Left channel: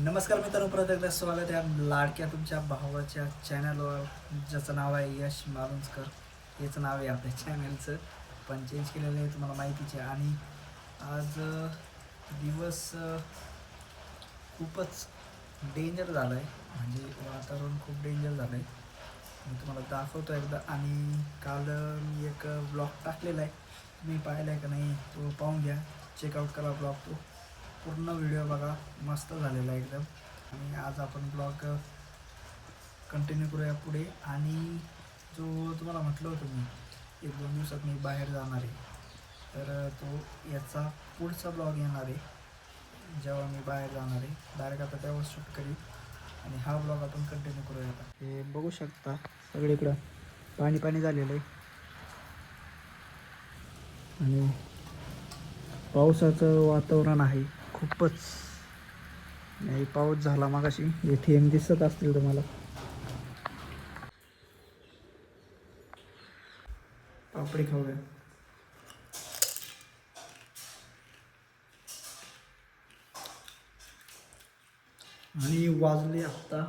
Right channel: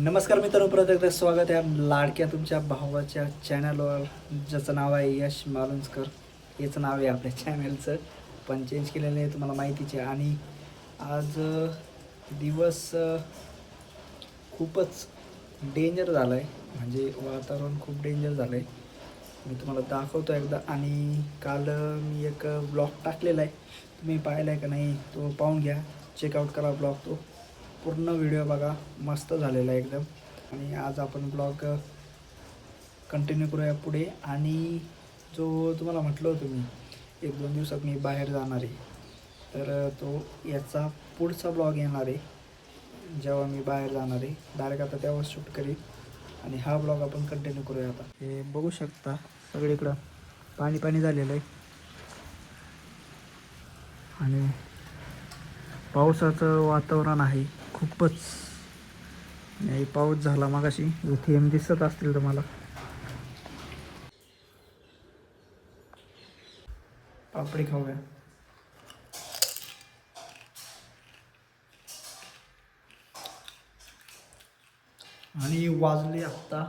नमस्कार मित्रांनो, परत एकदा स्वागत आहे लाडक्या तुमच्या भावाच्या चॅनलवर, ज्याचं नाव आहे यश मालुंजकर. हेच नाव आहे आपल्या चॅनलचं, पण चेंज केलेलं आहे, तुम्हाला माहितीच आहे. आणि आज दिवस खूपच डेंजर झाला आहे, म्हणजे वातावरण खूप डेंजर झालं आहे. मी तुम्हाला दाखवतो एकदा. आणि काल मी एक ब्लॉग टाकलेला आहे, तुम्ही पाहिला आहे का नाही तो पाहून घ्या, चेकआउट करा ब्लॉग. तो पूर्ण व्हिडिओ बघा, मस्त झालेला आहे एकदम. आणि आज आपण ब्लॉग कंटिन्यू करूया पुढे. आणि जो तुम्हाला म्हटलं होतं मी 1-2 दिवसात मी बाहेर जाणार आहे, तर तो याचा पुढचा ब्लॉग येणार आहे, जेव्हा मी बाहेर जाणार आहे डायरेक्ट. आता तेव्हा शूट करेल आणि हा ब्लॉग आपण कंटिन्यू करूया. आता हे बघू शकता, सगळीकडं पाणी पाणी झालेलं आहे आणि पावसाचं वातावरण आहे खूपच. पाऊस झाला मगाशी, हे थेंब दिसत असतील तुम्हाला. पापडी खाऊया. आणि वाजले आत्ता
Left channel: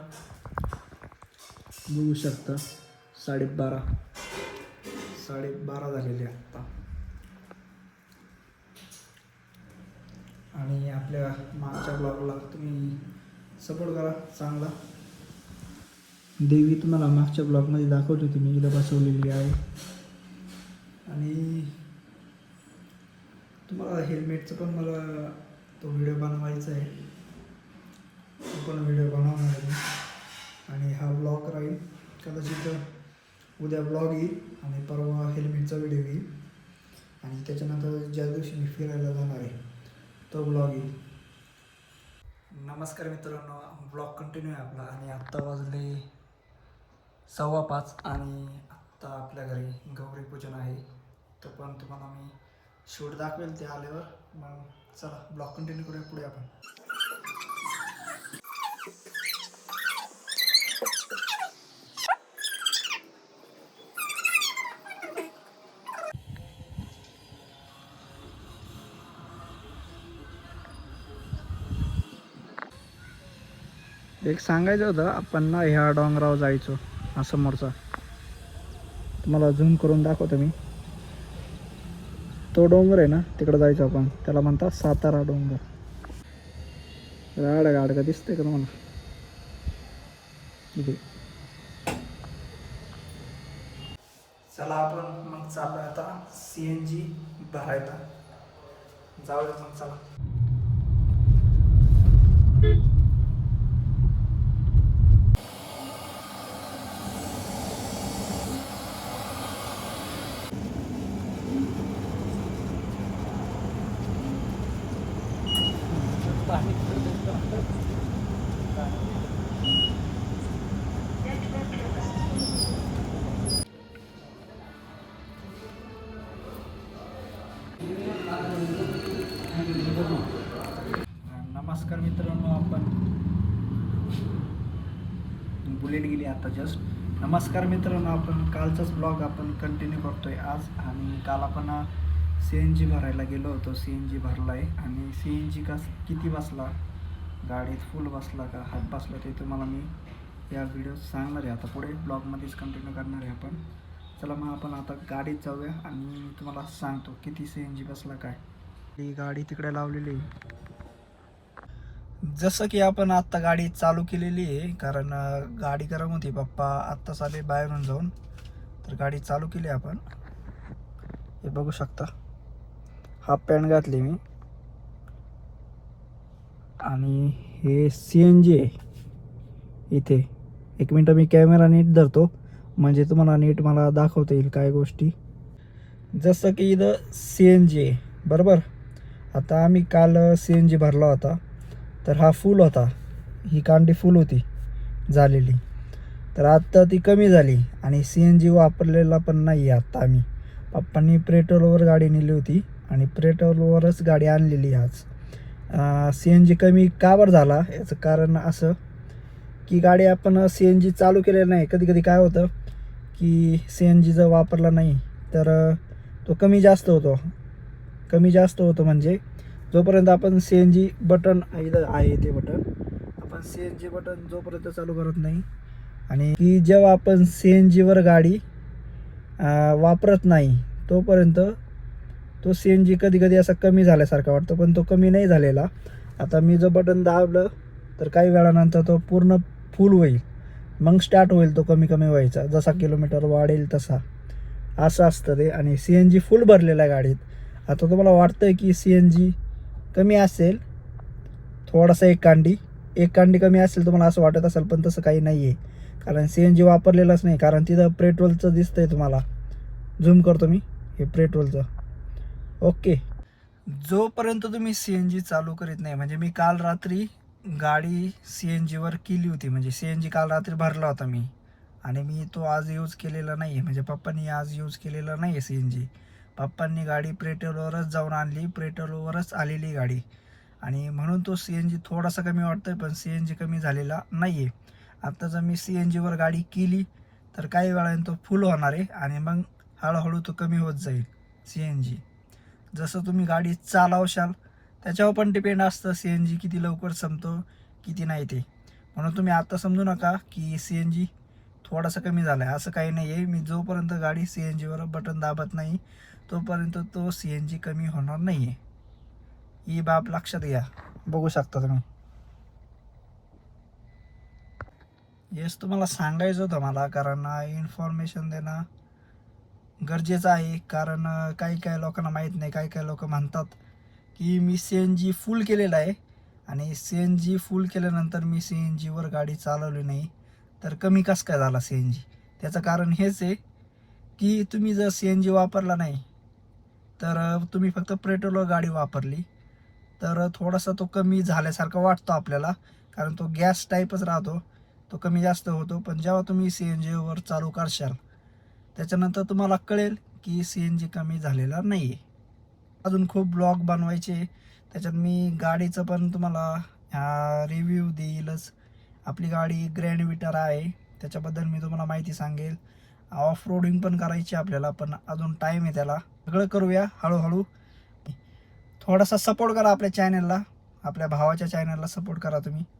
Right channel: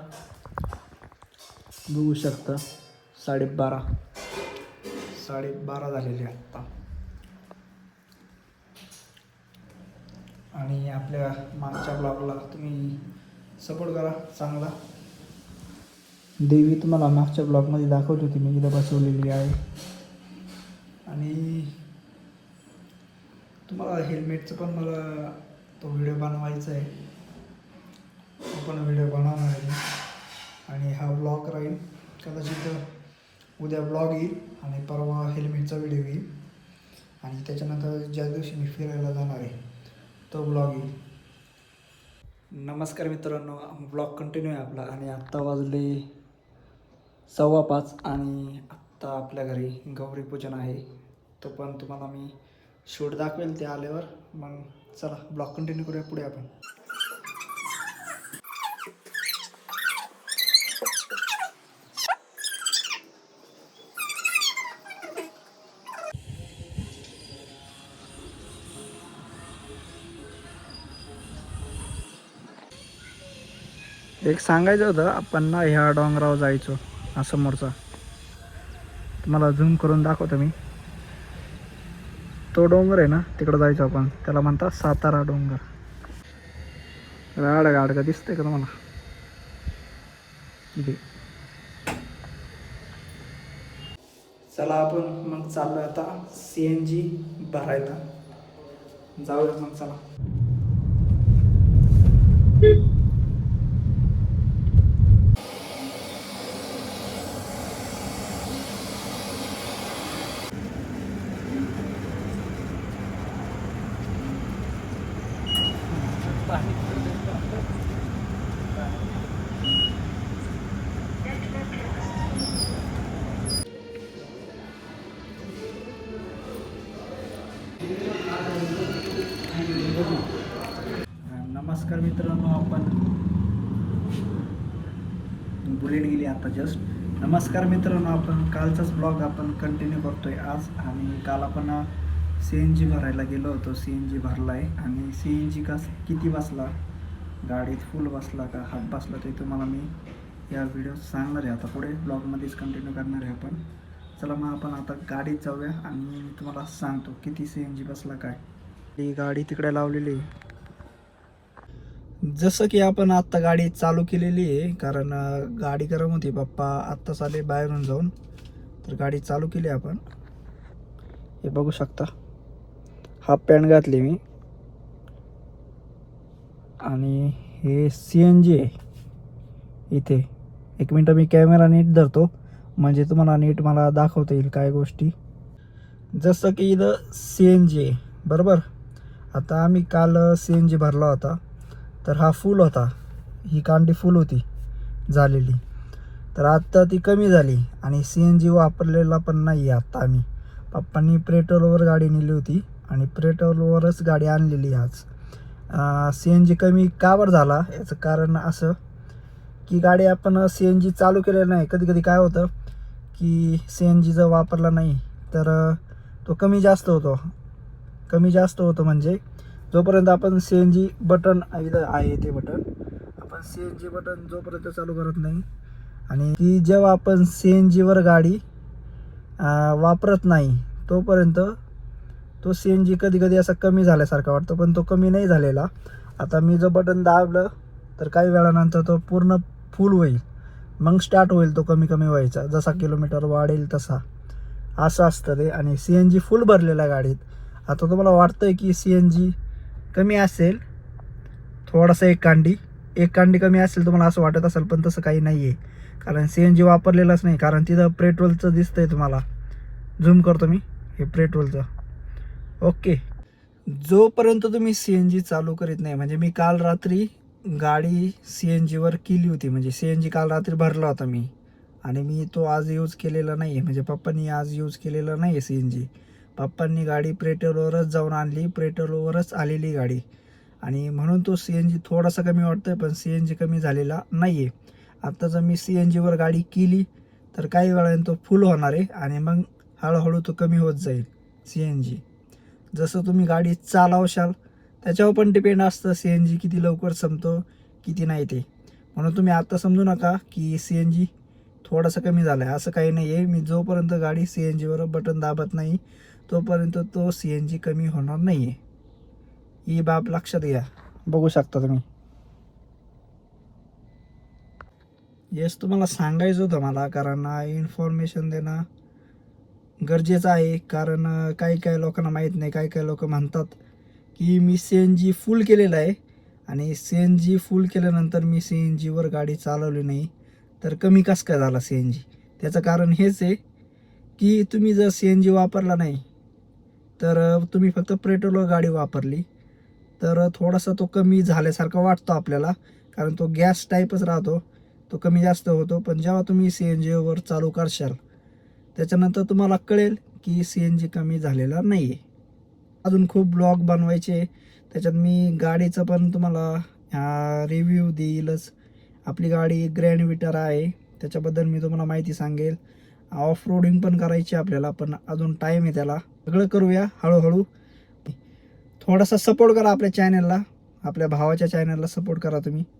बघू शकता 12:30 झालेले आत्ता. आणि आपल्या मागच्या ब्लॉगला तुम्ही सपोर्ट करा चांगला. देवी तुम्हाला मागच्या ब्लॉगमध्ये दाखवली होती, मी इथं बसवलेली आहे. आणि तुम्हाला हेल्मेटचं पण मला तो व्हिडिओ बनवायचा आहे, तो पण व्हिडिओ बनवणार आहे मी. आणि हा ब्लॉग राहील, कदाचित उद्या ब्लॉग येईल आणि परवा हेल्मेटचा व्हिडिओ येईल. आणि त्याच्यानंतर ज्या दिवशी मी फिरायला जाणार आहे तो ब्लॉग येईल. नमस्कार मित्रांनो, ब्लॉग कंटिन्यू आहे आपला. आणि आत्ता वाजले 5:15 आणि आत्ता आपल्या घरी गौरी पूजन आहे, तो पण तुम्हाला मी शूट दाखवेल ते आल्यावर. मग चला ब्लॉग कंटिन्यू करूया पुढे आपण. एक सांगायचं होतं, आपण ना ह्या डोंगरावर जायचो, हा समोरचा तुम्हाला झूम करून दाखवतो मी. तो डोंगर आहे ना, तिकडं जायचं आपण, त्याला म्हणतात सातारा डोंगर. गाड का दिसतंय का तुम्हाला इथे? चला आपण मग चाललोय आता CNG भरायला, जाऊया मग चला. नमस्कार मित्रांनो, आपण बुलेट गेली आता जस्ट. नमस्कार मित्रांनो, आपण कालचाच ब्लॉग आपण कंटिन्यू करतोय आज. आणि काल आपण CNG भरायला गेलो होतो, CNG भरला आहे. आणि CNG किती बसला, गाडीत फुल बसला का हाफ बसला, ते तुम्हाला मी या व्हिडिओत सांगणार आहे. आता पुढे ब्लॉगमध्येच कंटिन्यू करणार आहे आपण. चला मग आपण आता गाडीत जाऊया आणि मी तुम्हाला सांगतो किती CNG बसला काय. ही गाडी तिकडे लावलेली आहे. जसं की आपण आत्ता गाडी चालू केलेली आहे, कारण गाडी गरम होती. पप्पा आत्ताच आले बाहेरून जाऊन, तर गाडी चालू केली आपण. हे बघू शकता, हाफ पॅन्ट घातली मी. आणि हे CNG आहे इथे. एक मिनटं मी कॅमेरा नीट धरतो, म्हणजे तुम्हाला नीट मला दाखवता येईल काय गोष्टी. जसं की इथं CNG आहे बरोबर. आता आम्ही काल CNG भरला होता, तर हा फुल होता, ही कांडी फुल होती झालेली. तर आत्ता ती कमी झाली आणि CNG वापरलेला पण नाही आहे आत्ता. आम्ही पप्पांनी पेट्रोलवर गाडी नेली होती आणि पेट्रोलवरच गाडी आणलेली आज. CNG कमी का बरं झाला, याचं कारण असं की गाडी आपण CNG चालू केलेलं नाही. कधी कधी काय होतं की CNG जर वापरला नाही तर तो कमी जास्त होतो. म्हणजे जोपर्यंत आपण CNG बटन इथं आहे, ते बटन आपण CNG बटन जोपर्यंत चालू करत नाही आणि की जेव्हा आपण CNG वर गाडी वापरत नाही तोपर्यंत तो CNG कधी कधी असा कमी झाल्यासारखा वाटतो, पण तो कमी नाही झालेला. आता मी जो बटन दाबलं तर काही वेळानंतर तो पूर्ण फुल होईल, मग स्टार्ट होईल तो कमी कमी व्हायचा. जसा किलोमीटर वाढेल तसा असं असतं ते. आणि CNG फुल भरलेला आहे गाडीत. आता तुम्हाला वाटतंय की CNG कमी असेल थोडासा, एक कांडी कमी असेल तुम्हाला असं वाटत असेल, पण तसं काही नाही आहे. कारण CNG वापरलेलंच नाही. कारण तिथं पेट्रोलचं दिसतंय तुम्हाला, झूम करतो मी, हे पेट्रोलचं. ओके, जोपर्यंत तुम्ही CNG चालू करीत नाही, म्हणजे मी काल रात्री गाडी CNG वर केली होती, म्हणजे CNG काल रात्री भरला होता मी, आणि मी तो आज यूज केलेला नाही आहे. म्हणजे पप्पांनी आज यूज केलेला नाही आहे CNG. पप्पांनी गाडी पेट्रोलवरच जाऊन आणली, पेट्रोलवरच आलेली गाडी, आणि म्हणून तो CNG थोडासा कमी वाटतोय, पण CNG कमी झालेला नाही आहे. आता जर मी CNG वर गाडी केली तर काही वेळाने तो फुल होणार आहे आणि मग हळूहळू तो कमी होत जाईल CNG. जसं तुम्ही गाडी चालवशाल त्याच्यावर पण डिपेंड असतं CNG किती लवकर संपतो किती नाही ते. म्हणून तुम्ही आता समजू नका की CNG थोडंसं कमी झालं आहे, असं काही नाही आहे. मी जोपर्यंत गाडी CNG वर बटन दाबत नाही तोपर्यंत तो CNG कमी होणार नाही आहे. ही बाब लक्षात घ्या. बघू शकता तुम्ही. येस, तुम्हाला सांगायचं होतं मला, कारण इन्फॉर्मेशन देणं गरजेचं आहे. कारण काही काही लोकांना माहीत नाही. काही लोक म्हणतात की मी CNG फुल केलेलं आहे आणि CNG फुल केल्यानंतर मी CNG वर गाडी चालवली नाही, तर कमी कसं काय झाला CNG. त्याचं कारण हेच आहे की तुम्ही जर CNG वापरला नाही तर तुम्ही फक्त पेट्रोलवर गाडी वापरली तर थोडासा तो कमी झाल्यासारखा वाटतो आपल्याला, कारण तो गॅस टाईपच राहतो, तो कमी जास्त होतो. पण जेव्हा तुम्ही CNG वर चालू करशाल त्याच्यानंतर तुम्हाला कळेल की CNG कमी झालेला नाही आहे. अजून खूप ब्लॉग बनवायचे, त्याच्यात मी गाडीचं पण तुम्हाला रिव्ह्यू देईलच. आपली गाडी ग्रँड विटारा आहे, त्याच्याबद्दल मी तुम्हाला माहिती सांगेल. ऑफ रोडिंग पण करायची आपल्याला, पण अजून टाईम आहे त्याला. सगळं करूया हळूहळू. थोडासा सपोर्ट करा आपल्या चॅनलला, आपल्या भावाच्या चॅनलला सपोर्ट करा तुम्ही.